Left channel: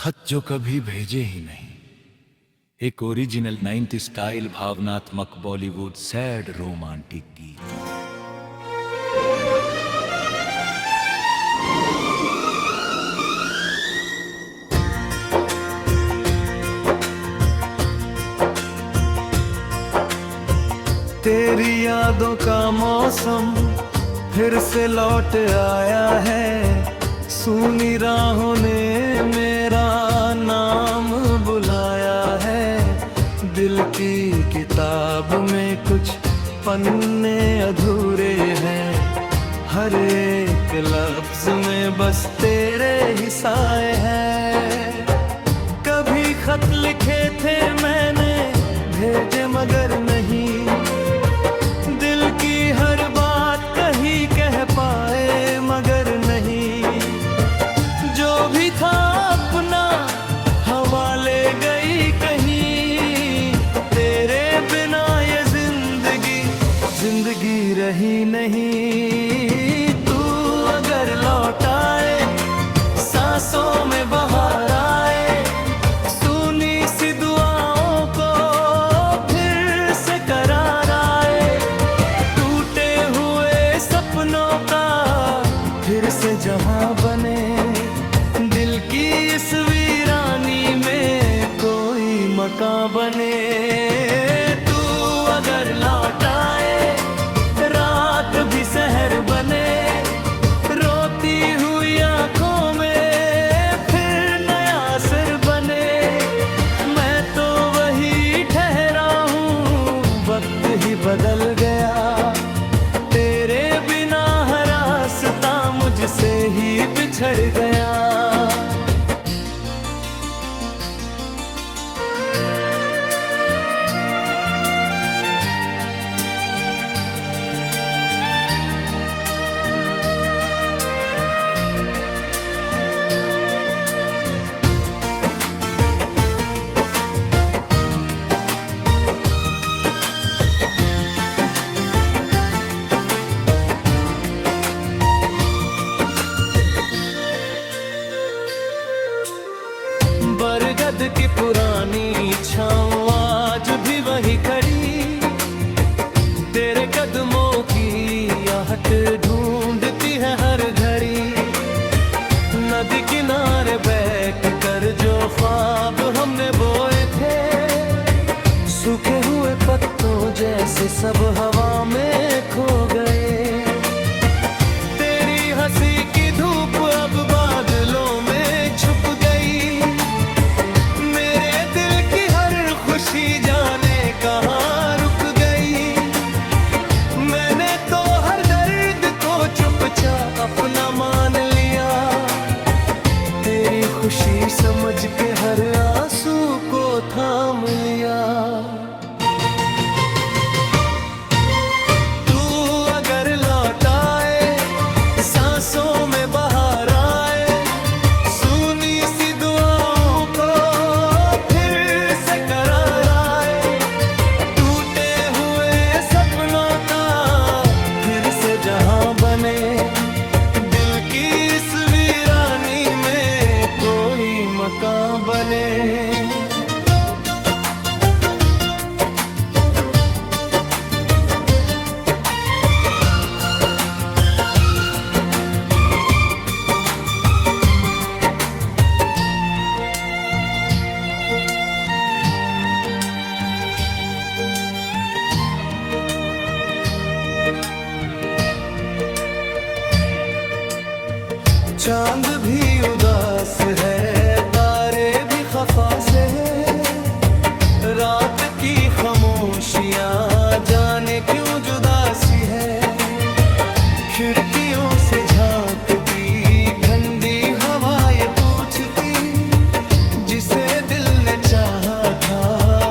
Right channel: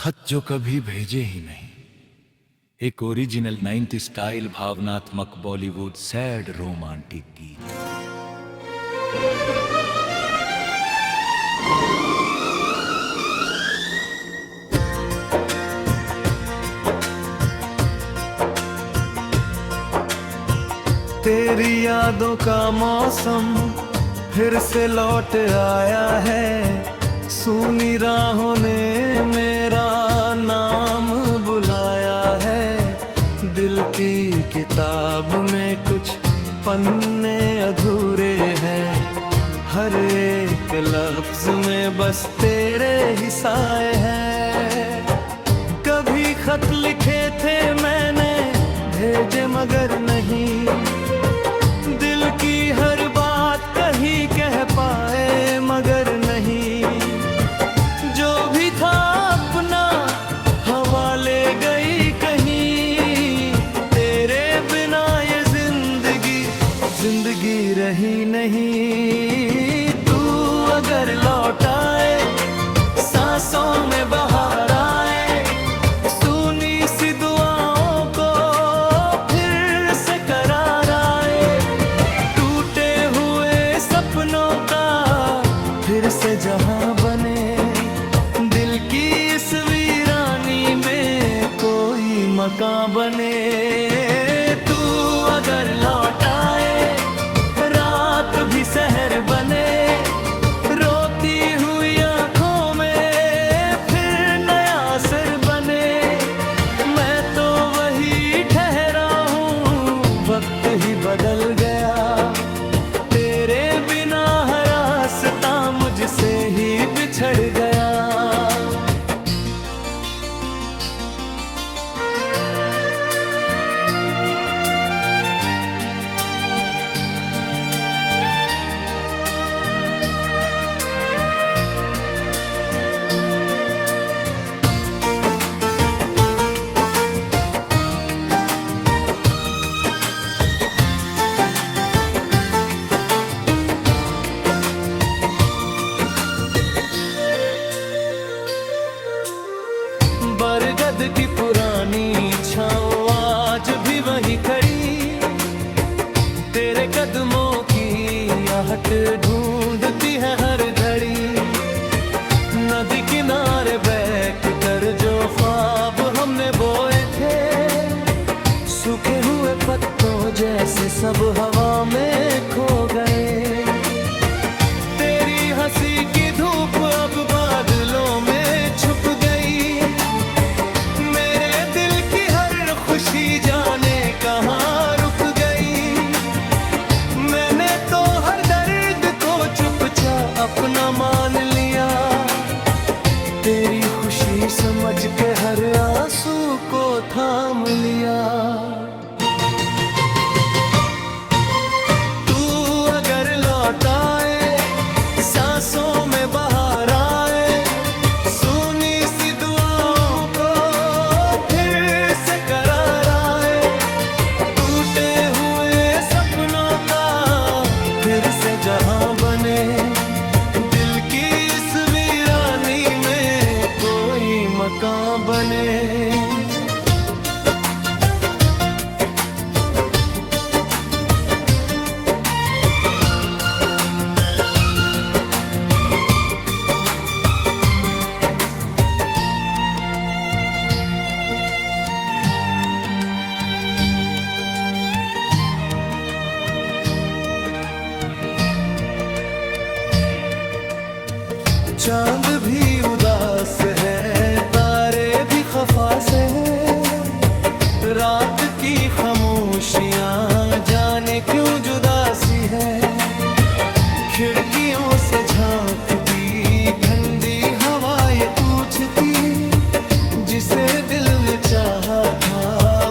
खत जो कभी भेजे ही नहीं। एक ओरिजिनल 90 स्टाइल भावनात्मक बॉलीवुड सैड रोमांटिक गीत। तेरी यादों का मौसम फिर से लौट आया है। सूनी राहों ने मेरा नाम बुलाया है। दिल की किताब में कुछ पन्ने अधूरे हैं। हर एक लफ्ज में बस तेरे ही साए हैं। कभी खत लिखे थे मैंने, भेजे मगर नहीं। दिल की हर बात कहीं कह पाए मगर नहीं। जो भी था अपना हवा ले गई कहीं। तेरे बिना ये जिंदगी रही नहीं। तू अगर लौट आए, सांसों में बहार आए। सुनी सी दुआओं को फिर से करार आए। टूटे हुए सपनों का फिर से जहां बने। दिल की इस वीरानी में कोई मकान बने। तू अगर लौट आए, रात भी सहर बने। रोती हुई आंखों में फिर नया सिर बने। मैं तो वही ठहरा हूँ, वक्त ही बदल गया। तेरे बिना हर रास्ता मुझसे ही बिछड़ गया। बरगद की पुरानी छाँव आज भी वही खड़ी। तेरे कदमों की आहट ढूंढती है हर घड़ी। नदी किनारे बैठ कर जो ख्वाब हमने बोए थे, सूखे हुए पत्तों जैसे सब हवा में खो गए। तेरी हंसी की धूप अब बादलों में छुप गई। मेरे दिल की हर खुशी जाने कहाँ रुक गई। मैंने तो हर दर्द को चुपचाप अपना मान लिया। तेरी खुशी समझ के हर आंसू को थाम लिया। तू अगर लौट आए, सांसों में बहार आए। सुनी सी दुआओं को फिर से करार आए। टूटे हुए सपनों का फिर से जहां बने। दिल की इस वीरानी में कोई मकान बने। चांद भी उदास है, तारे भी खफा से है। रात की खामोशियां जाने क्यों जुदासी है। खिड़कियों से झांकती ठंडी हवा ये पूछती, जिसे दिल ने चाहा था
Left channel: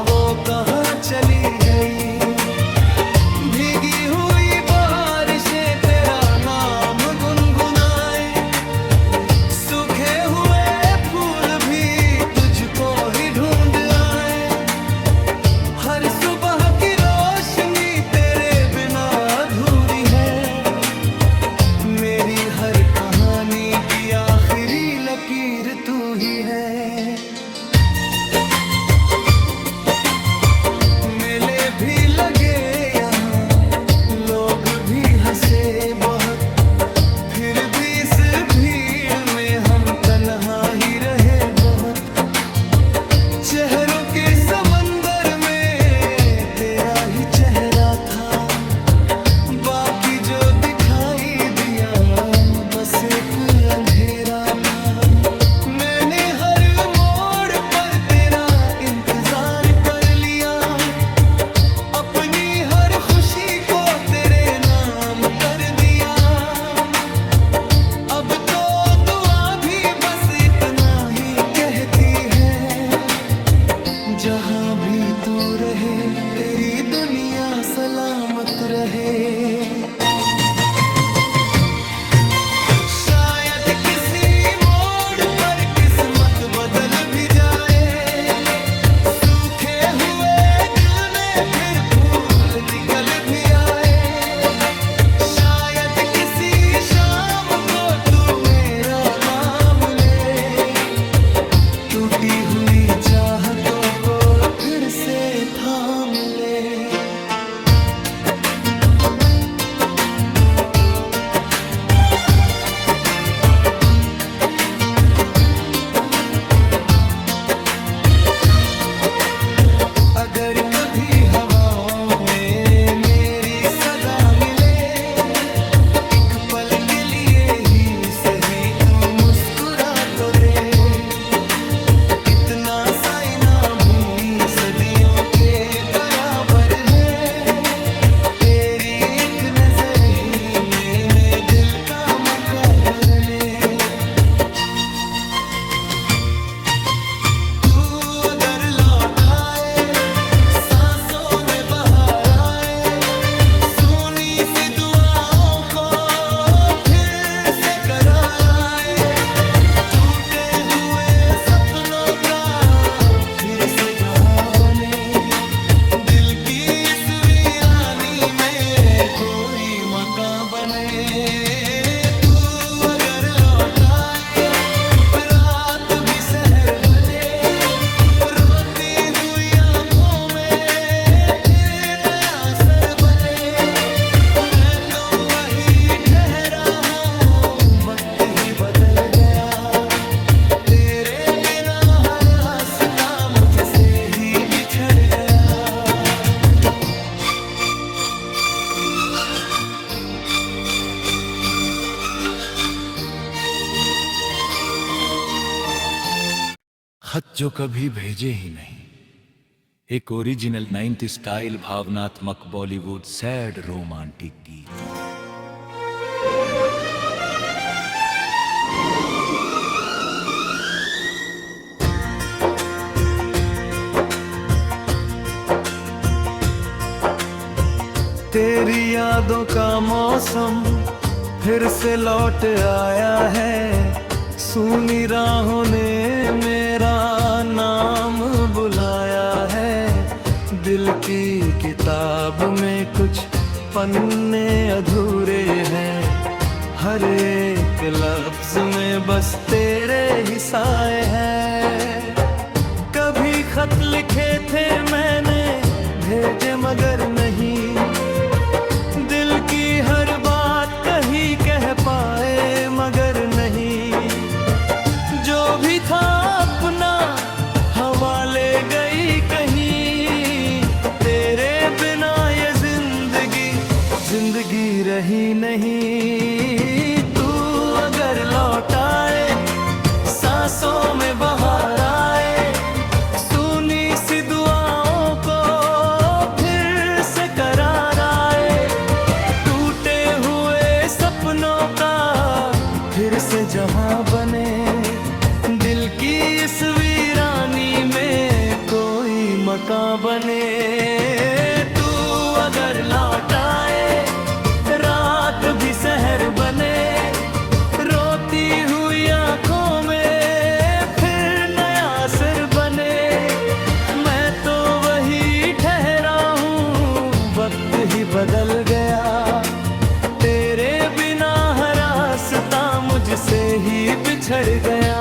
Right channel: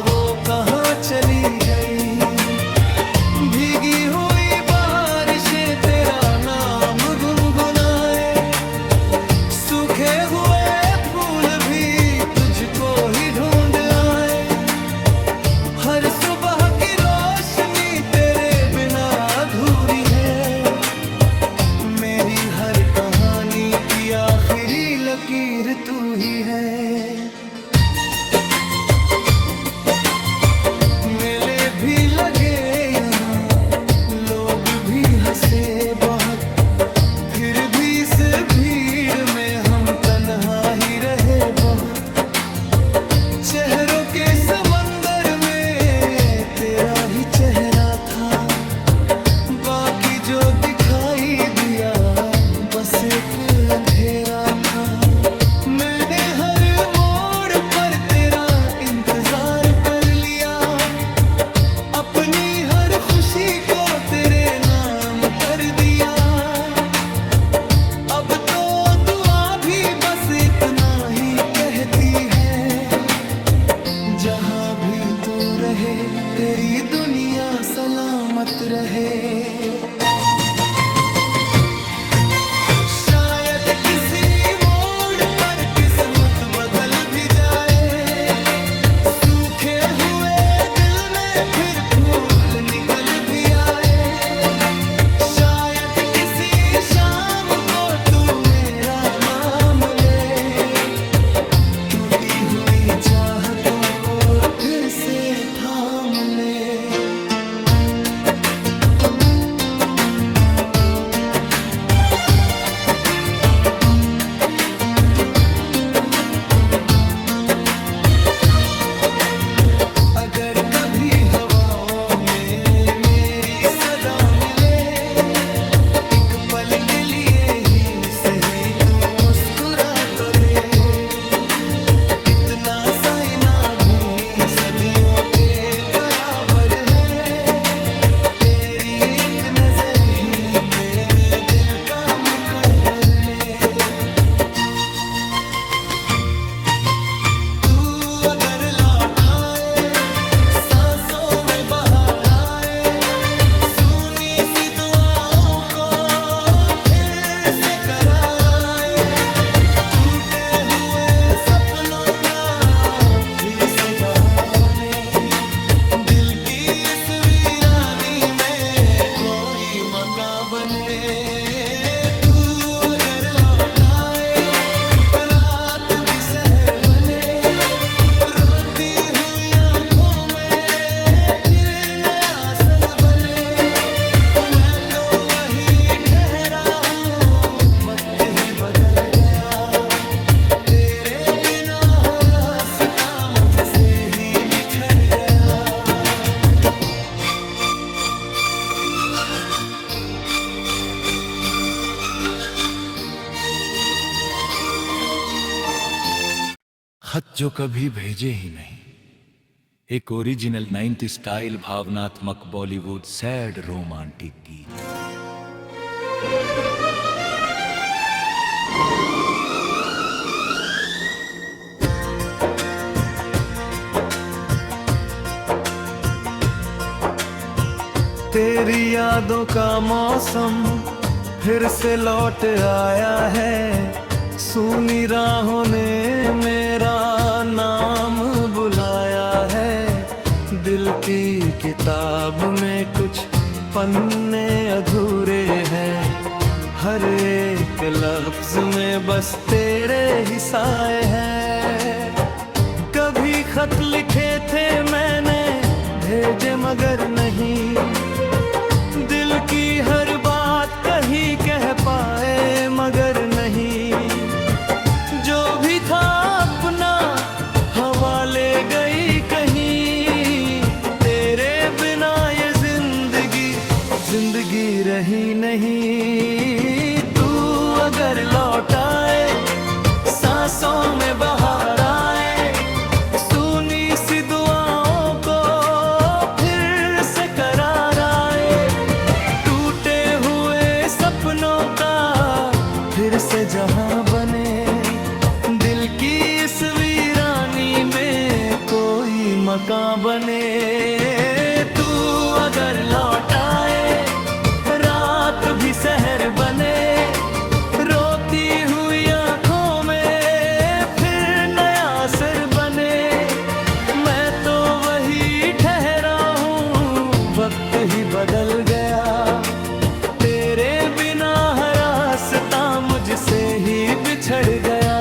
वो कहाँ चली गई। भीगी हुई बारिशें तेरा नाम गुनगुनाए। सूखे हुए फूल भी तुझको ही ढूंढ आए। हर सुबह की रोशनी तेरे बिना अधूरी है। मेरी हर कहानी की आखिरी लकीर तू ही है। मेले भी लगे यहाँ, लोग भी हंसे बहुत, फिर भी इस भीड़ में हम तन्हा ही रहे बहुत। चेहरों के समंदर में तेरा ही चेहरा था, बाकी जो दिखाई दिया बस एक अंधेरा था। मैंने हर मोड़ पर तेरा इंतजार कर लिया, अपनी हर खुशी को तेरे नाम कर दिया। अब तो दुआ भी बस इतना ही कहती है, जहाँ भी तू रहे तेरी दुनिया सलामत रहे। शायद किसी मोड़ पर किस्मत बदल भी जाए, सूखे हुए दिल में फिर फूल निकल भी आए। शायद किसी शाम को तू मेरा नाम ले, टूटी हुई चाहतों को फिर से थाम ले। अगर कभी हवाओं में मेरी सदा मिले, एक पल के लिए ही सही तू मुस्कुरा तो दे। इतना साइना भी सदियों के बराबर है, तेरी एक नजर ही में दिल का मुकद्दर। तू अगर लौट आए, सांसों में बहार आए, सुनी सी दुआओं को फिर से करार आए, टूटे हुए सपनों का फिर से जहां बने, दिल की इस वीरानी में कोई मकान बने। तू अगर लौट आए, रात भी शहर बने, रोती हुई आंखों में फिर नया सर बने। मैं तो वही ठहरा हूँ, वक्त ही बदल गया, तेरे बिना हर रास्ता मुझसे ही बिछड़ गया। खत जो कभी भेजे ही नहीं, एक ओरिजिनल 90 स्टाइल भावनात्मक बॉलीवुड सैड रोमांटिक गीत। तेरी यादों का मौसम फिर से लौट आया है, सूनी राहों ने मेरा नाम बुलाया है। दिल की किताब में कुछ पन्ने अधूरे हैं, हर एक लफ्ज में बस तेरे ही साए हैं। कभी खत लिखे थे मैंने, भेजे मगर नहीं, दिल की हर बात कही कह पाए मगर नहीं। जो भी था अपना हवा ले गई कहीं, तेरे बिना ये जिंदगी रही नहीं। तू अगर लौट आए, सांसों में बहार आए, सुनी सी दुआओं को फिर से करार आए, टूटे हुए सपनों का फिर से जहां बने, दिल की इस वीरानी में कोई मकान बने। तू अगर लौट आए, रात भी शहर बने, रोती हुई आंखों में फिर नया सिर बने। मैं तो वही ठहरा हूँ, वक्त ही बदल गया, तेरे बिना हर रास्ता मुझसे ही बिछड़ गया।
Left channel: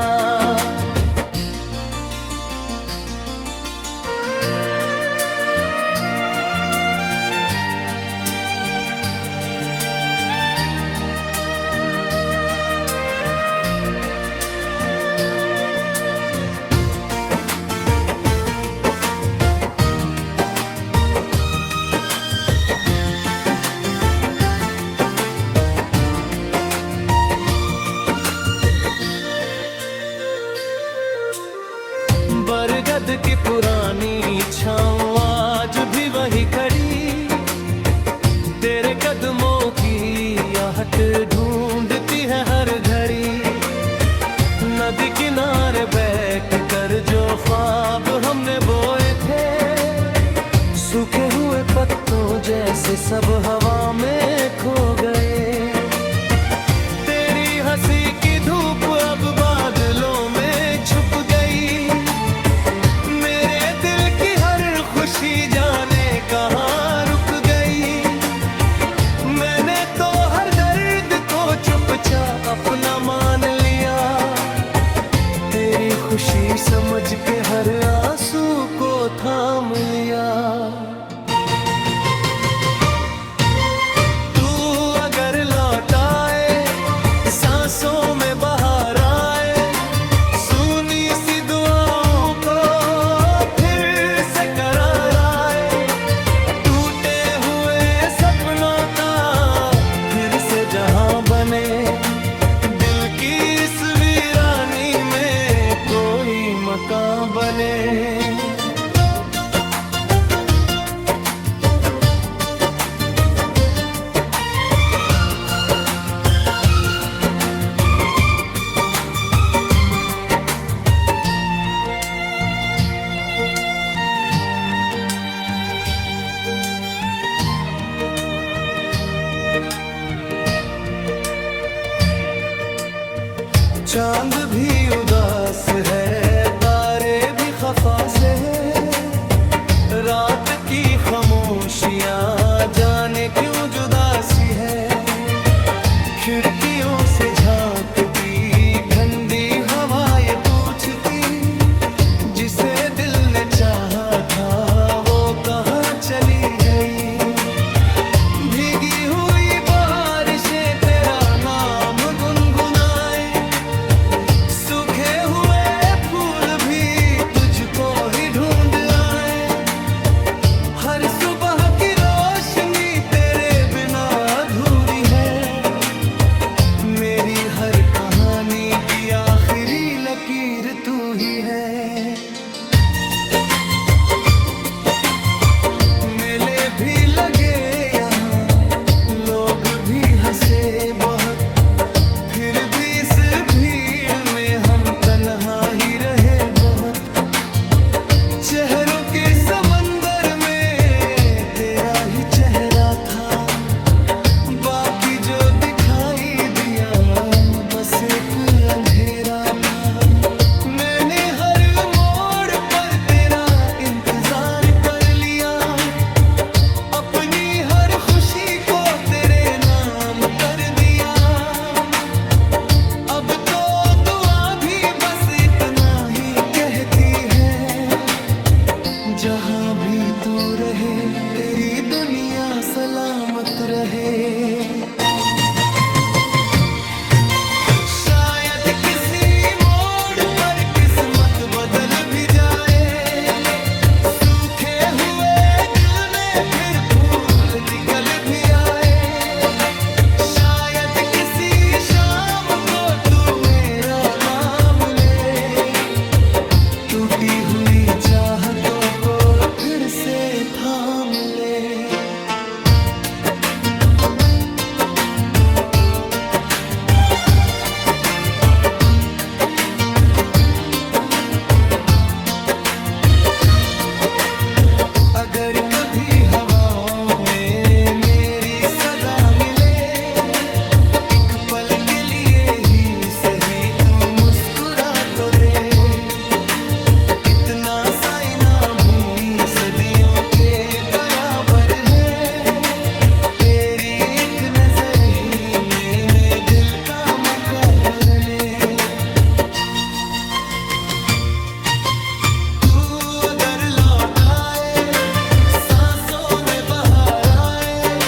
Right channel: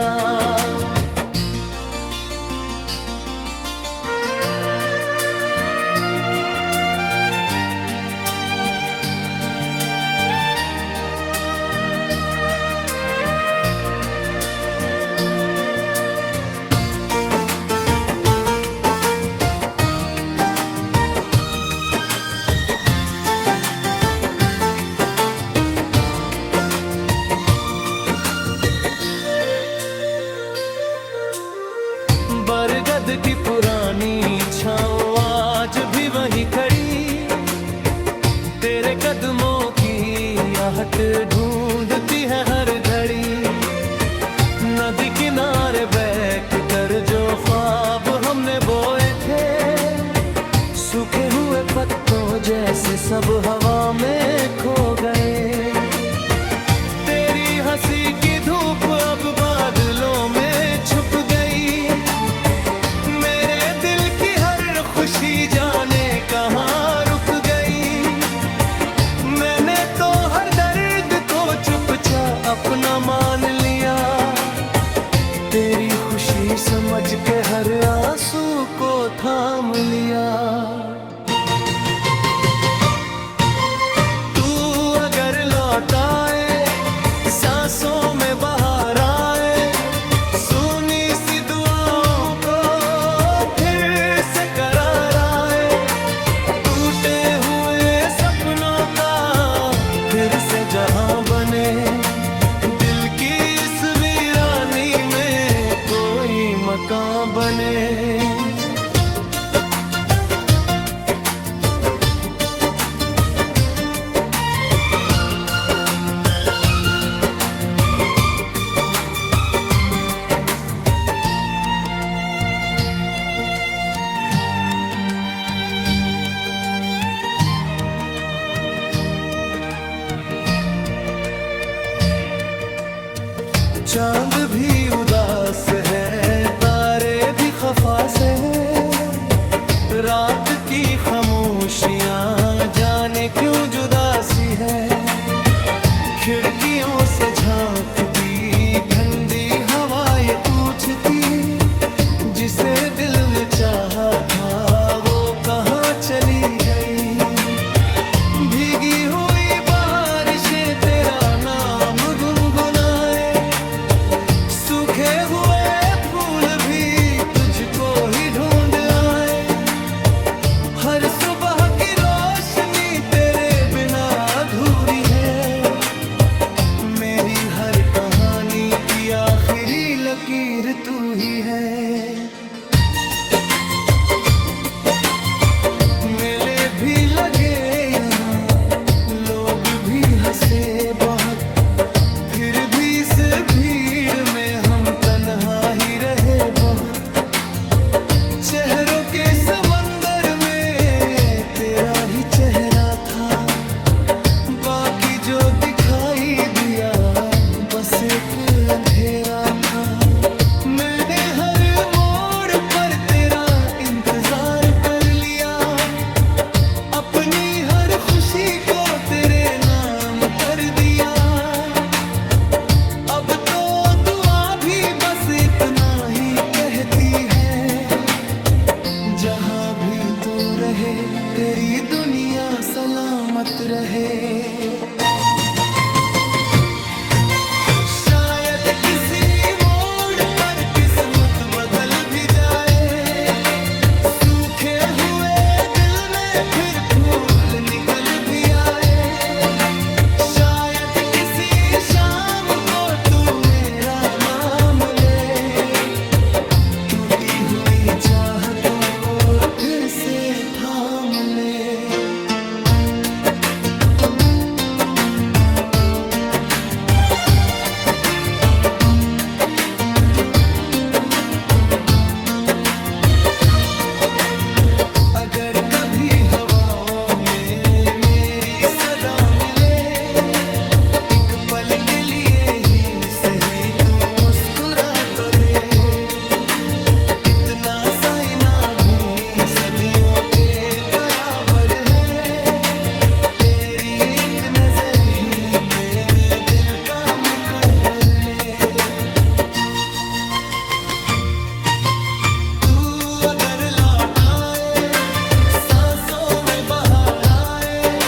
बरगद की पुरानी छाँव आज भी वही खड़ी, तेरे कदमों की आहट ढूंढती है हर घड़ी। नदी किनारे बैठ कर जो ख्वाब हमने बोए थे, सूखे हुए पत्तों जैसे सब हवा में खो गए। तेरी हंसी की धूप अब बादलों में छुप गई, मेरे दिल की हर खुशी जाने कहाँ रुक गई। मैंने तो हर दर्द को चुपचाप अपना मान लिया, तेरी खुशी समझ के हर आंसू को थाम लिया। तू अगर लौट आए, सांसों में बाहर आए, सुनी सी दुआओं को फिर से करार आए, टूटे हुए सपनों का फिर से जहां बने, दिल की इस वीरानी में कोई मकान बने। चांद भी उदास है, तारे भी खफा से है, रात की खामोशियां जाने क्यों जुदासी है। खिड़कियों से झांकती ठंडी हवा ये पूछती, जिसे दिल ने चाहा था वो कहाँ चली गई। भीगी हुई बारिशें तेरा नाम गुनगुनाए, सूखे हुए फूल भी तुझको ही ढूंढ आए। हर सुबह की रोशनी तेरे बिना अधूरी है, मेरी हर कहानी की आखिरी लकीर तू ही है। मेले भी लगे यहाँ, लोग भी हंसे बहुत, फिर भी इस भीड़ में हम तन्हा ही रहे बहुत। चेहरों के समंदर में तेरा ही चेहरा था, बाकी जो दिखाई दिया बस एक अंधेरा था। मैंने हर मोड़ पर तेरा इंतजार कर लिया, अपनी हर खुशी को तेरे नाम कर दिया। अब तो दुआ भी बस इतना ही कहती है, जहां भी तू रहे तेरी दुनिया सलामत रहे। शायद किसी मोड़ पर किस्मत बदल भी जाए, सूखे हुए दिल में फिर फूल निकल भी आए। शायद किसी शाम को तू मेरा नाम ले, टूटी हुई चाहतों को फिर से थाम ले। अगर कभी हवाओं में मेरी सदा मिले, एक पल के लिए ही सही तू मुस्कुरा तो दे। इतना साइना भी सदियों के बराबर है, तेरी एक नजर ही मैंने दिल का मुकद्दर। तू अगर लौट आए, सांसों में बाहर आए,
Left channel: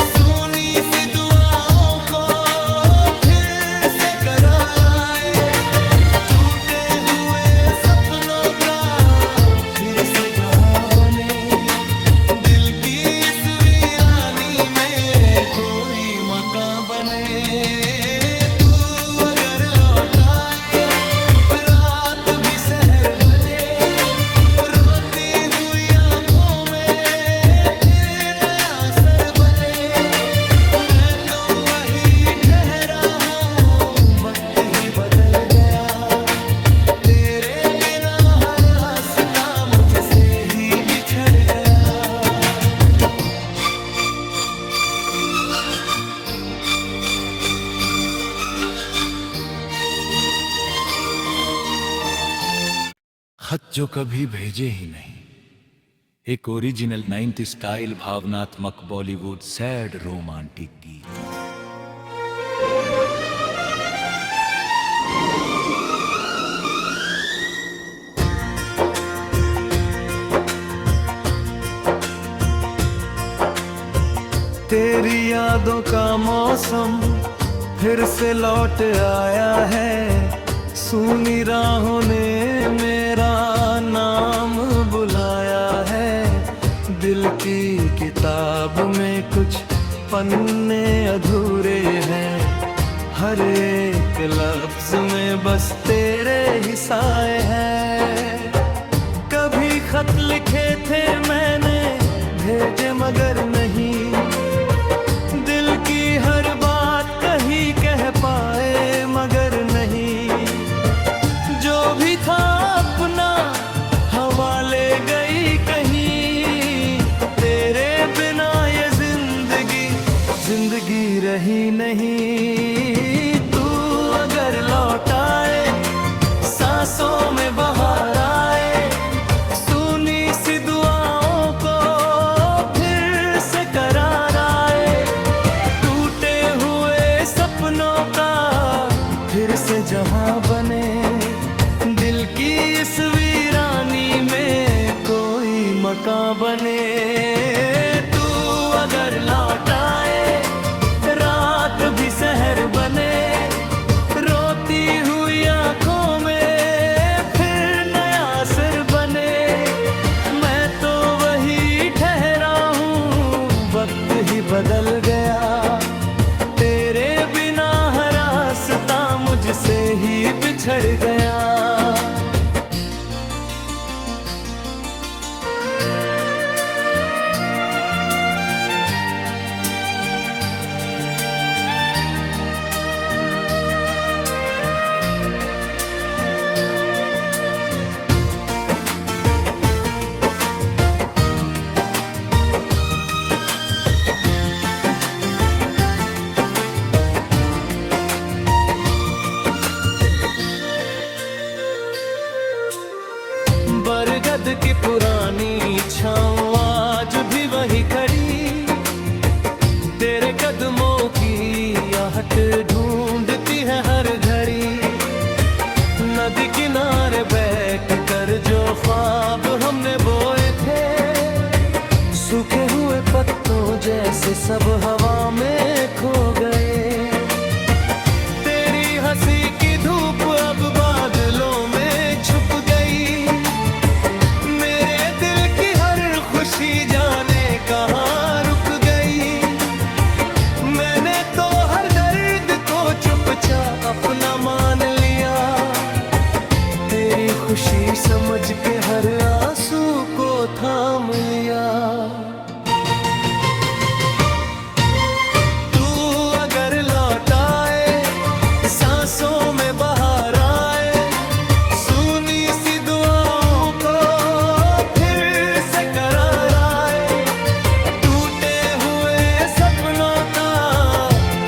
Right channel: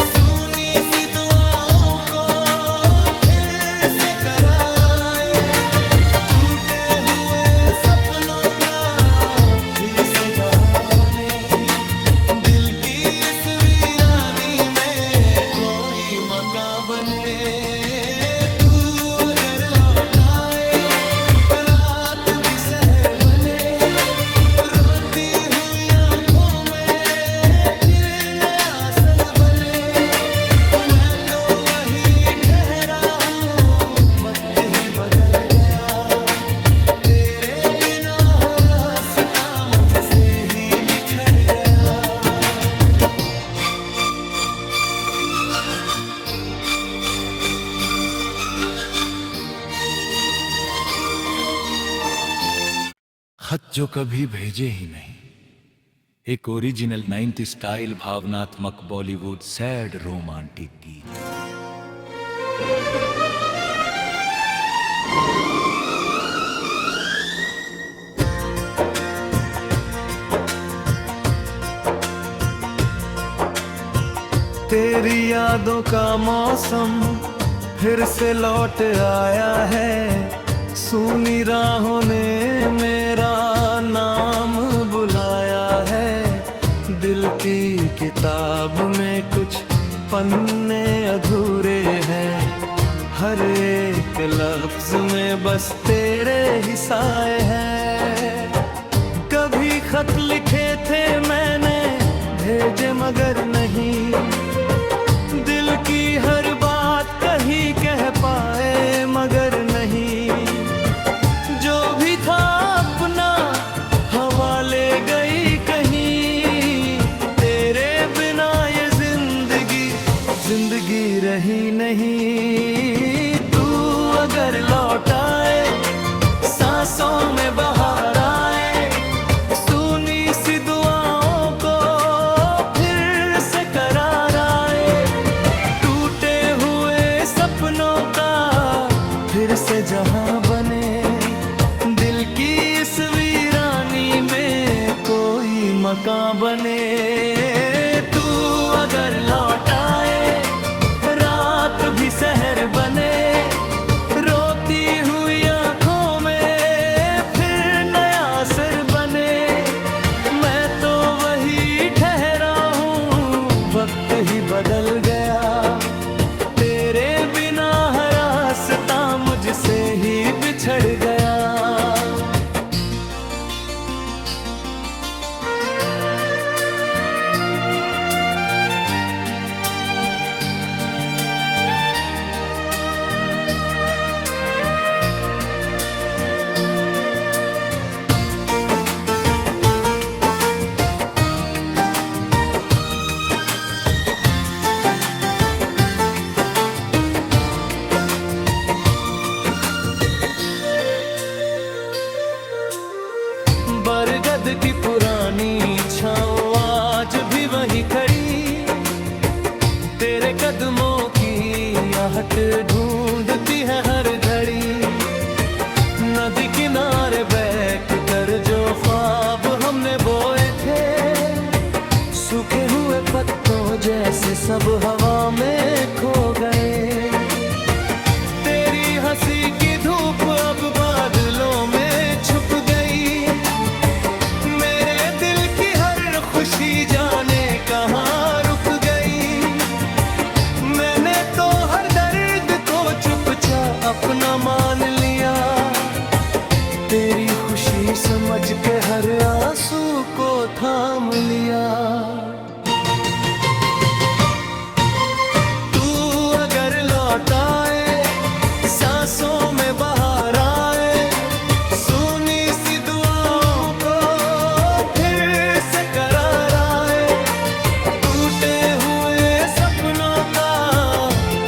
सुनी सी दुआओं को फिर से करार आए, टूटे हुए सपनों का फिर से जहां बने, दिल की इस वीरानी में कोई मकान बने। तू अगर लौट आए, रात भी शहर बने, मुझसे ही बिछड़ गया। खत जो कभी भेजे ही नहीं, एक ओरिजिनल 90 स्टाइल भावनात्मक बॉलीवुड सैड रोमांटिक गीत। तेरी यादों का मौसम फिर से लौट आया है, सूनी राहों ने मेरा नाम बुलाया है। दिल की किताब में कुछ पन्ने अधूरे हैं, हर एक लफ्ज में बस तेरे ही साए हैं। कभी खत लिखे थे मैंने, भेजे मगर नहीं, दिल की हर बात कही कह पाए मगर नहीं। जो भी था अपना हवा ले गई कहीं, तेरे बिना ये जिंदगी रही नहीं। तू अगर लौट आए, सांसों में बहार आए, सुनी सी दुआओं को फिर से करार आए, टूटे हुए सपनों का फिर से जहां बने, दिल की इस वीरानी में कोई मकान बने। तू अगर लौट आए, रात भी सहर बने, रोती हुई आंखों में फिर नया सिर बने। मैं तो वही ठहरा हूँ, वक्त ही बदल गया, तेरे बिना हर रास्ता मुझसे ही बिछड़ गया। बरगद की पुरानी छाँव आज भी वही खड़ी, तेरे कदमों की आहट ढूंढती है हर घड़ी। नदी किनारे बैठ कर जो ख्वाब हमने बोए थे, सूखे हुए पत्तों जैसे सब हवा में खो गए। तेरी हंसी की धूप अब बादलों में छुप गई, मेरे दिल की हर खुशी जाने कहाँ रुक गई। मैंने तो हर दर्द को चुपचाप अपना मान लिया, तेरी खुशी समझ के हर आंसू को थाम लिया। तू अगर लौट आए, सांसों में बहार आए, सुनी सी दुआओं को फिर से करार आए, टूटे हुए सपनों का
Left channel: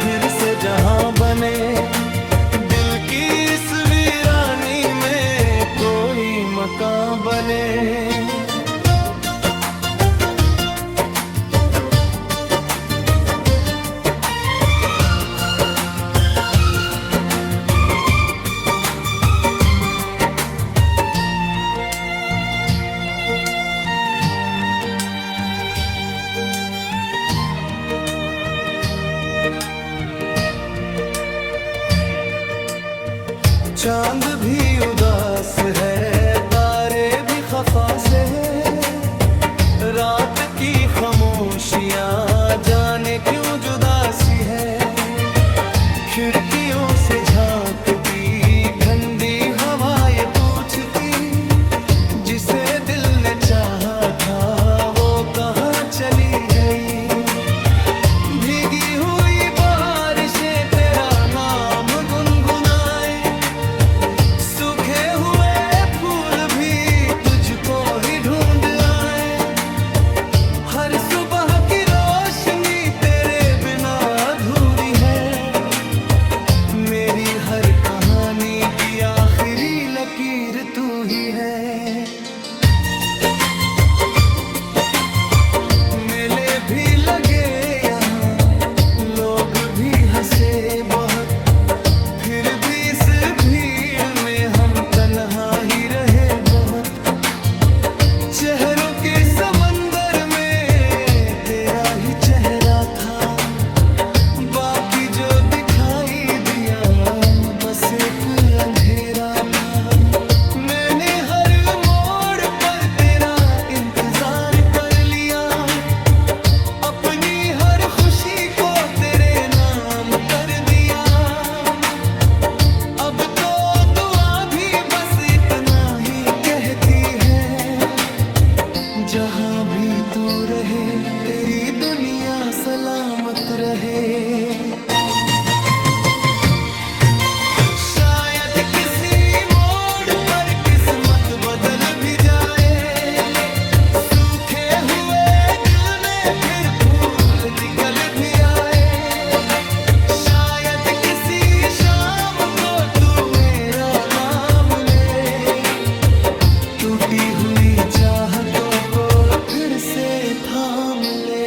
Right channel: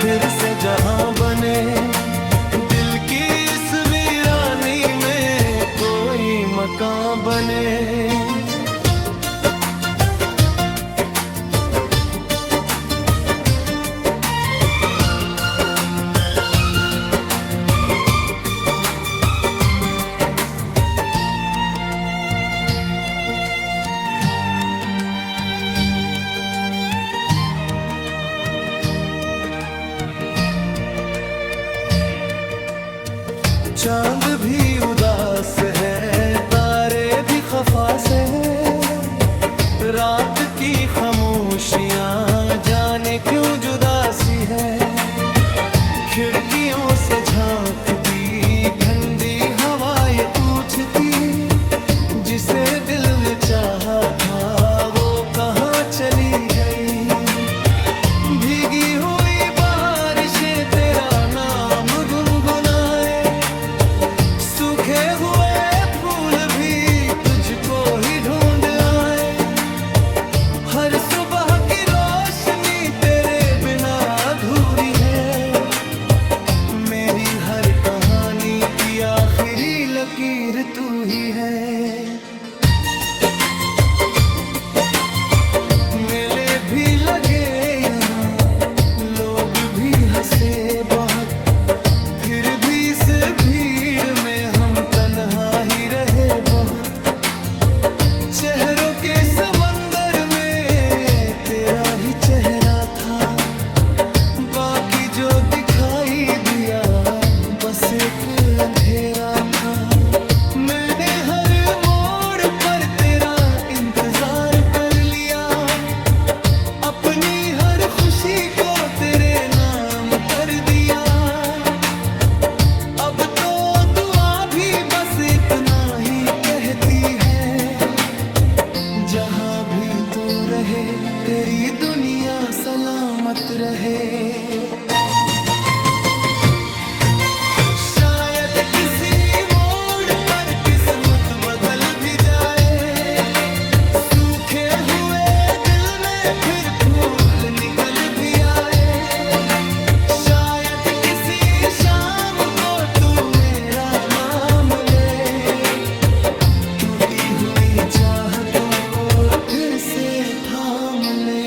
फिर से जहां बने, दिल की इस वीरानी में कोई मकान बने। चांद भी उदास है, तारे भी खफा से है, रात की खामोशियां जाने क्यों जुदासी है। खिड़कियों से झांकती ठंडी हवा ये पूछती, जिसे दिल ने चाहा था वो कहाँ चली गई। भीगी हुई बारिशें तेरा नाम गुनगुनाए, सूखे हुए फूल भी तुझको ही ढूंढ लकीर तू ही है। मेले भी लगे यहाँ, लोग भी हंसे बहुत, फिर भी इस भीड़ में हम तन्हा ही रहे बहुत। चेहरों के समंदर में तेरा ही चेहरा था, बाकी जो दिखाई दिया बस एक अंधेरा था। मैंने हर मोड़ पर तेरा इंतजार कर लिया, अपनी हर खुशी को तेरे नाम कर दिया। अब तो दुआ भी बस इतना ही कहती है, जहाँ भी तू रहे तेरी दुनिया सलामत रहे। शायद किसी मोड़ पर किस्मत बदल भी जाए, सूखे हुए दिल में फिर फूल निकल भी आए। शायद किसी शाम को तू मेरा नाम ले, टूटी हुई चाहतों को फिर से थाम ले।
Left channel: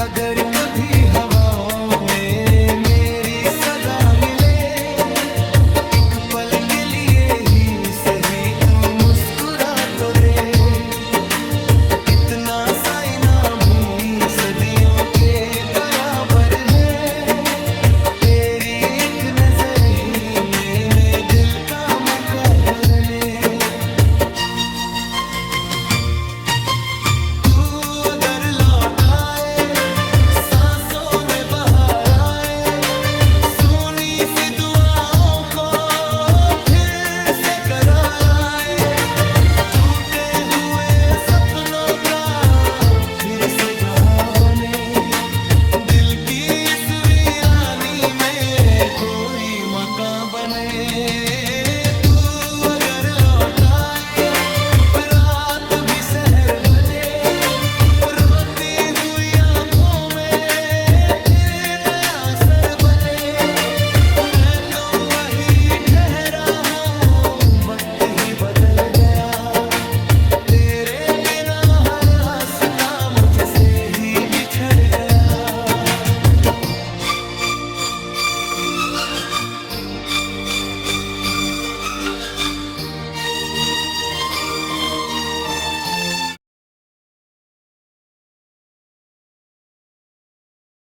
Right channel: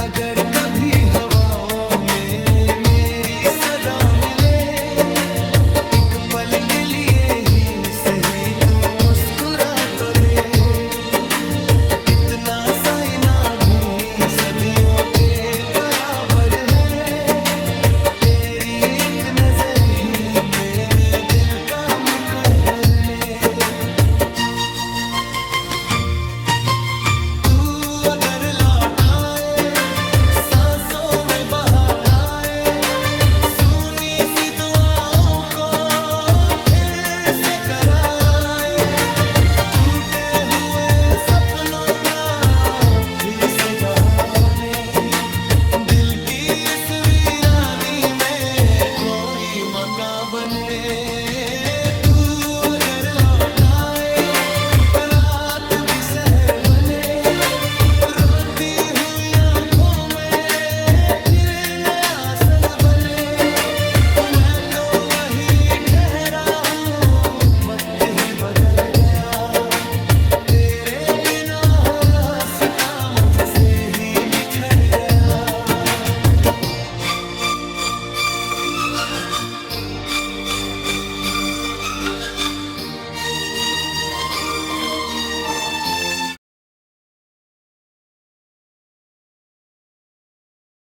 अगर कभी हवाओं में मेरी सदा मिले, एक पल के लिए ही सही तू मुस्कुरा तो दे। इतना साइना भी सदियों के बराबर है, तेरी एक नजर ही मैंने दिल का मुकद्दर ने। तू अगर लौट आए, सांसों में बहार आए, सुनी सी दुआओं को फिर से करार आए, टूटे हुए सपनों का फिर से जहां बने, दिल की इस वीरानी में कोई मकान बने। तू अगर लौट आए, रात भी शहर बने, रोती हुई आंखों में फिर नया सर बने। मैं तो वही ठहरा हूँ, वक्त ही बदल गया, तेरे बिना हर रास्ता मुझसे ही बिछड़ गया।